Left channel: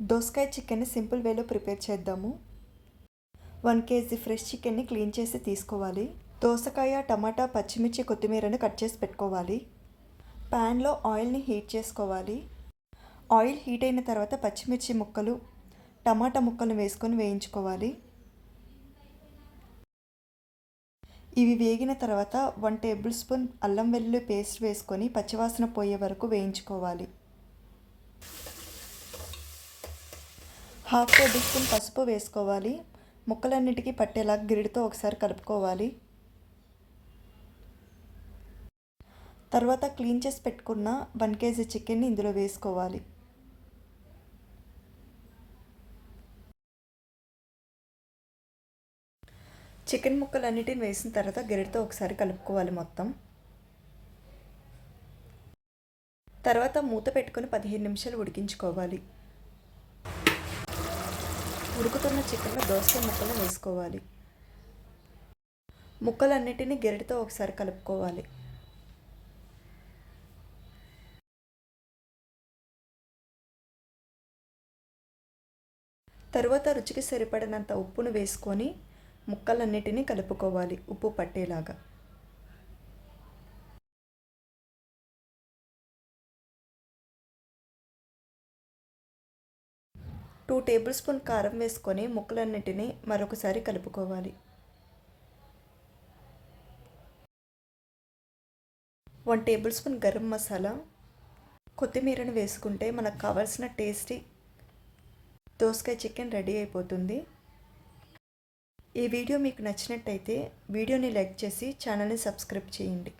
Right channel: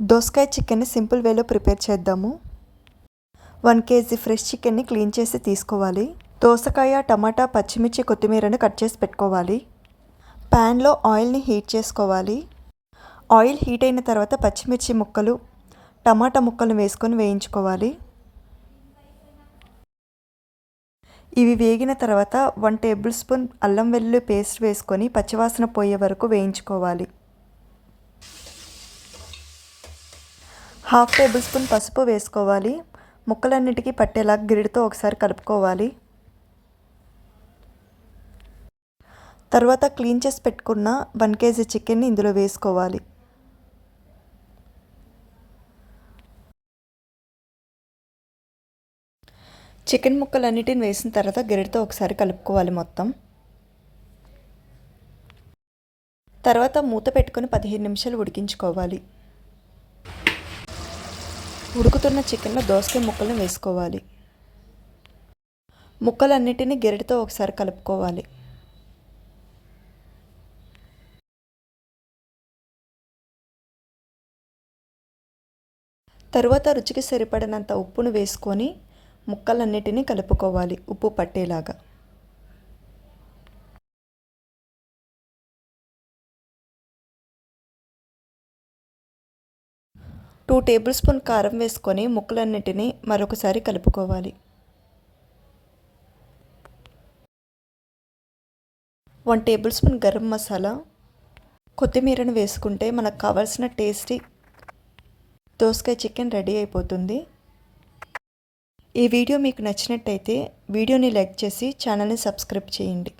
దోసకాయ చికెన్ని సింపుల్ వేలో ప్రిపేర్ చేద్దాము. 1 కేజీ ఫ్రెష్ చికెన్ని క్లీన్ చేసి తీసుకోవాలి. దోసకాయ, టమాటా, పచ్చిమిర్చి, కొత్తిమీరను కట్ చేసి పెట్టుకోవాలి. ప్యాన్లో ఆయిల్ని హీట్ చేసుకోవాలి. ఆయిల్ హీట్ అయిన తర్వాత పచ్చిమిర్చి ముక్కలు, టమాటా ముక్కలు వేసుకొని వేయించుకోవాలి. ఇవి వేగిన తర్వాత 1 టేబుల్ స్పూన్ అల్లం వెల్లుల్లి పేస్ట్ వేసుకొని పచ్చివాసన పోయే వరకు వేయించుకోవాలి. 1/2 టేబుల్ స్పూన్ పసుపు వేసుకోవాలి. ముక్కలన్నిటికీ పట్టేలా గిరిటతో ఒకసారి కలుపుకోవాలి. తర్వాత క్లీన్ చేసి పెట్టుకున్న 1 కేజీ చికెన్ని ఇందులో వేసుకోవాలి. చికెన్ ముక్కలన్నిటిని వేసిన తర్వాత గిరిటతో ఒకసారి కలుపుకోవాలి మొత్తం. తర్వాత మూత పెట్టుకొని 15 నిమిషాలు ఉడికించుకోవాలి. ఉడుకుతున్న చికెన్లో దోసకాయ ముక్కలను వేసుకోవాలి. ముక్కలన్నిటినీ గరిటెతో ఒకసారి కలుపుకోవాలి. తరువాత రుచికి సరిపడినంత ఉప్పును వేసుకొని ముక్కలన్నిటినీ కలుపుకోవాలి ఉప్పు పట్టేలాగా. టూ టేబుల్ స్పూన్ కారం వేసుకొని ముక్కలన్నిటినీ మరొకసారి కలుపుకోవాలి. 1 టేబుల్ స్పూన్ గరం మసాలా, కొత్తిమీరను వేసుకుంటే మనకు కావాల్సిన టేస్టీ దోసకాయ చికెన్ రెడీ అయిపోతుంది. ఈ వీడియో మీకు నచ్చినట్టయితే వీడియోని లైక్ చేసి ఛానల్ని సబ్స్క్రైబ్ చేయండి.